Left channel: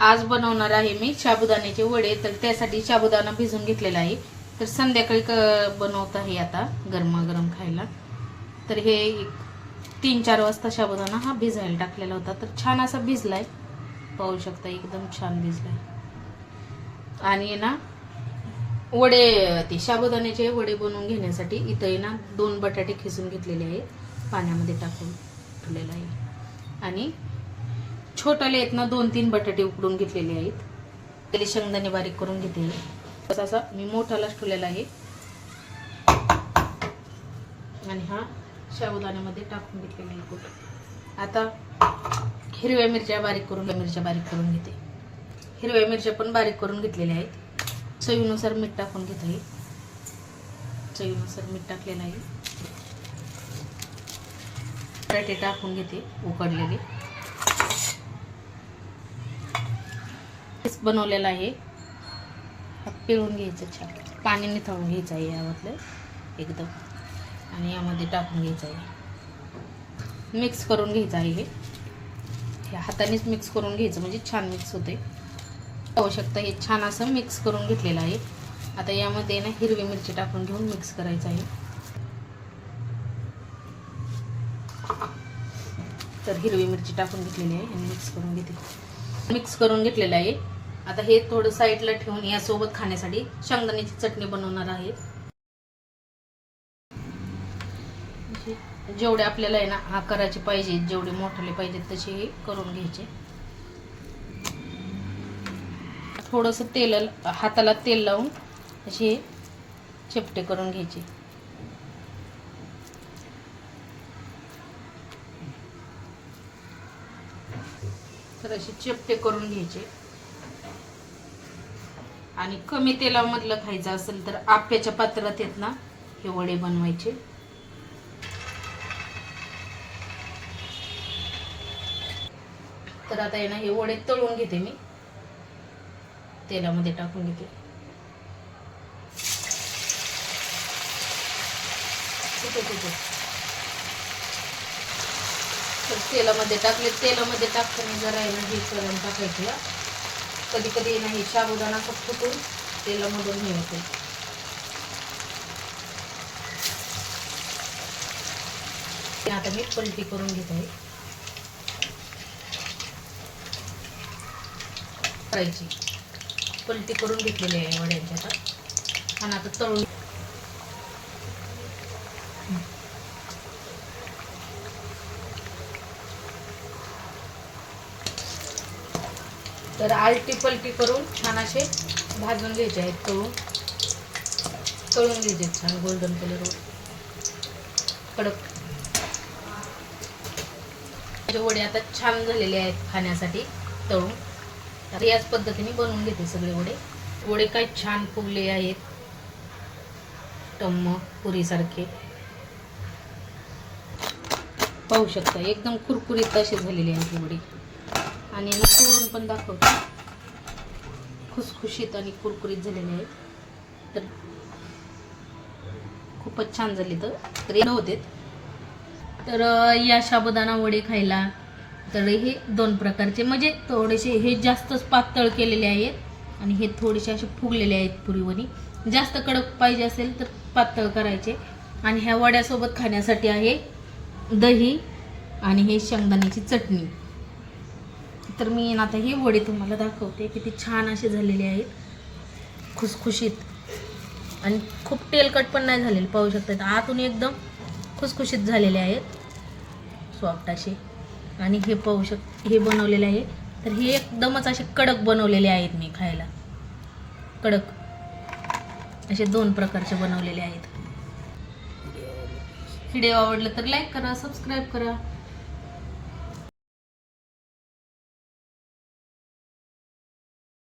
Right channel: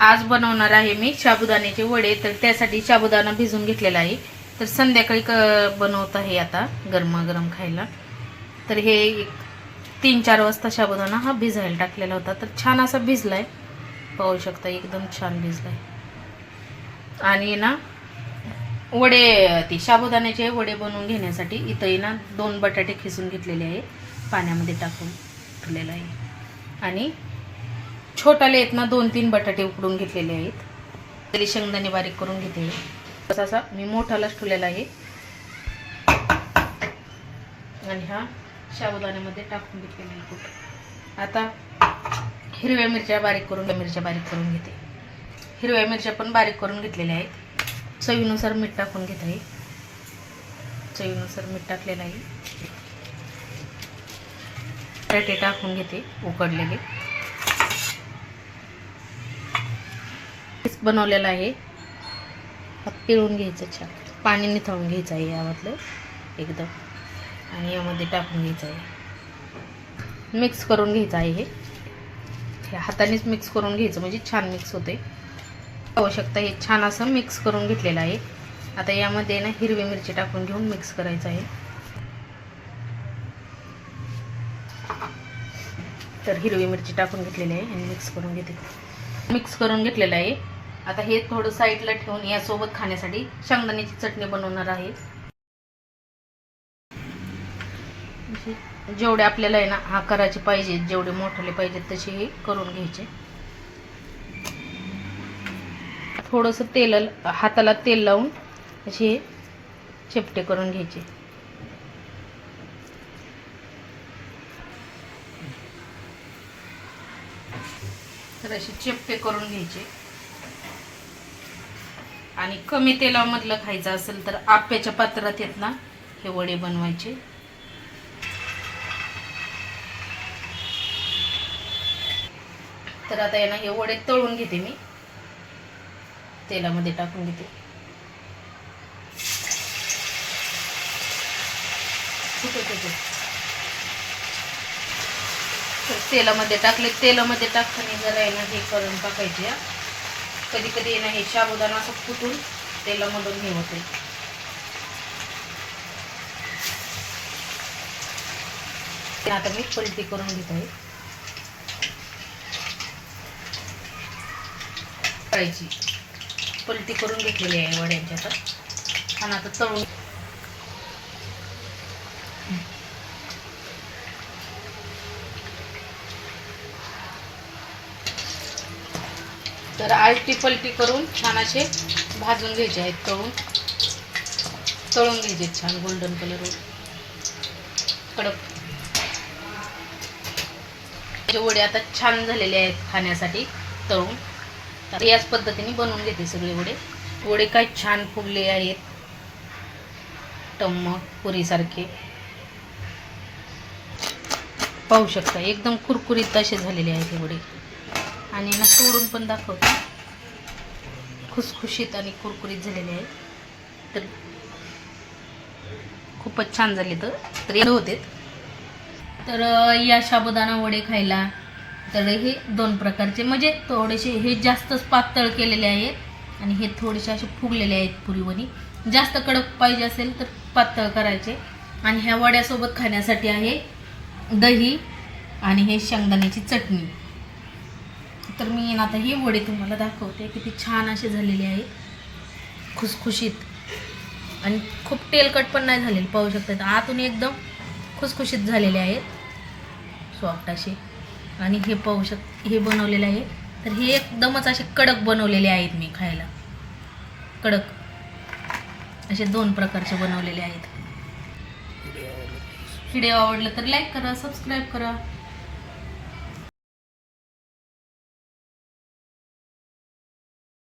आज बनवणार आहे मी साबुदाण्याचे वडे. तर त्यासाठी साबुदाणा भिजून घेतलेला आहे. तर संध्याकाळी क बनवत आहे आता गरमागरम खायला. तर हे एक तीन चार वाजता साबुदाणा हा भिजायला टाकलेला होता. तर छान असा भिजलाय. पाहू शकता एकदम छान भिजलाय. आणि ना वडे ते साबुदाण्याचे वडे बनवून घेण्यासाठी इथंही ना दोन बटाटे खिसून घेतलेले आहे पाण्यामध्ये टाकून ठेवलेलं आहे. आणि छोटाले आहेत ना दोन तीन बटाटे उकडून घेतलेले आहेत. तरी शेंगदाणे बारीक करून घेते. तसा असा मी मोठालाच ठेवलेला आहे. आणि हा साबुदाण्यामध्ये टाकून घेतलेला आहे आता हिरव्या मिरच्या बारीक करून मिरच्या बारीक करून घेते. हिरव्या मिरच्या पण बारीक करून घेतलेल्या आहेत. चवीनुसार मीठ टाकून घेत आहे. चवीनुसार मीठ टाकलेलं आहे. बटाटे टाकून घेते उकडलेले. बनवलेला आहे. हा पिळून घ्यायचं छान. पाणी निथळून घ्यायचं आहे यामधलं एकदम. आणि यामध्ये टाकून घ्यायचं आहे. मिक्स करून घ्यायचं आहे हे. हे हातानेच मिक्स करून घ्यायचं म्हणजे छान मिक्स होते. आवश्यकता हे छान असं मिक्स करून घेतलेलं आहे. आता यामध्ये ना हिरवी मिरची टाकून घेऊन मिक्स करायचं आहे. तर हिरवी मिरची टाकून घेतलेली आहे आणि मिक्स करून घेते. मिक्स करून घेतलेलं आहे. आता हे थोडं साईडला ठेवून यासोबत खाण्यासाठी शेंगदाण्याची चटणी बनवणार आहे. जेवढे आपल्याला आहे ना आकाराचे पाहिजे जेवढे मोठे पाहिजेत तसे हे करून घ्यायचे. थोडंसं तेल हाताला तेल लावून असे चिपटे करून घ्यायचे. तर असे चेप्पे करून घ्यायचे. आणि कमी तेलामधलं खायचं असेल तर आप्याच्या पात्रात येत ना हे वडे बनवायचे. तर आता आहे ना हे वडे तळून घेते मी. तेलामध्ये टाकून घेते. ठीक आहे ठीक आहे. तेलामध्ये टाकले. तेलामध्ये टाकताना जरा आहे ना हे करून टाकायचे कधी कधी आहे ना हे साबुदाणा असं फुटून तेलामधून हे होते. ते आता मी पलटी करून घेत. आहे करायची. पलटी करून घेतलेली आहे वड्यांची आता. आणि आता तळून तर आलटी पलटी करून छान असे भाजून घ्यायचे आहेत तळून. तळून घ्यायचे छान गोल्डन कलर कडक. वडे आता छान झालेले आहेत खाण्यासाठी तळून. तर याच पद्धतीने बनवून घेते सगळे वडे. वडे काय छान फुगले आहेत. टम्म पुरीसारखे. पाहू शकता एकदम कुरकुरीत असे झालेले आहेत वडे. आणि ना तोडून पण दाखवतो. खुसखुशीत आणि कुरकुरीत झालेले आहेत. तर खूपच छान झाले तर. तर होते. तर या साबुदाणा वडे खायला तर हे दोन प्रकारचे म्हणजे थोडेसे हे जास्तच पातळ केलेले आहेत आणि हे थोडेसे असे फुगलेले आहेत पुरीवणी. जास्त कडक पाहिजे असेल तर पातळ करायचे. आणि ह्या वड्यासोबत खाण्यासाठी आहे दही आणि हे शेंगदाण्याची चटणी. तर मी ना आता हे वडे तुम्हाला दाखवते. किती छान असे झालेले आहेत खुसखुशीत. आणि खूप तेलकट पण नाही झालेले पाहू शकता आतून एकदम खुसखुशीत झालेले आहेत. सॉफ्ट असे. आणि हे पाहू शक हे बनवलेले आहे. तर हे एकदमच असे कडक बनवलेले आहेत मी खायला. कडक. असे दोन प्रकारचे बनवलेले आहेत. व्हिडिओ आवडलं तर लाईक करा सबस्क्राईब करा.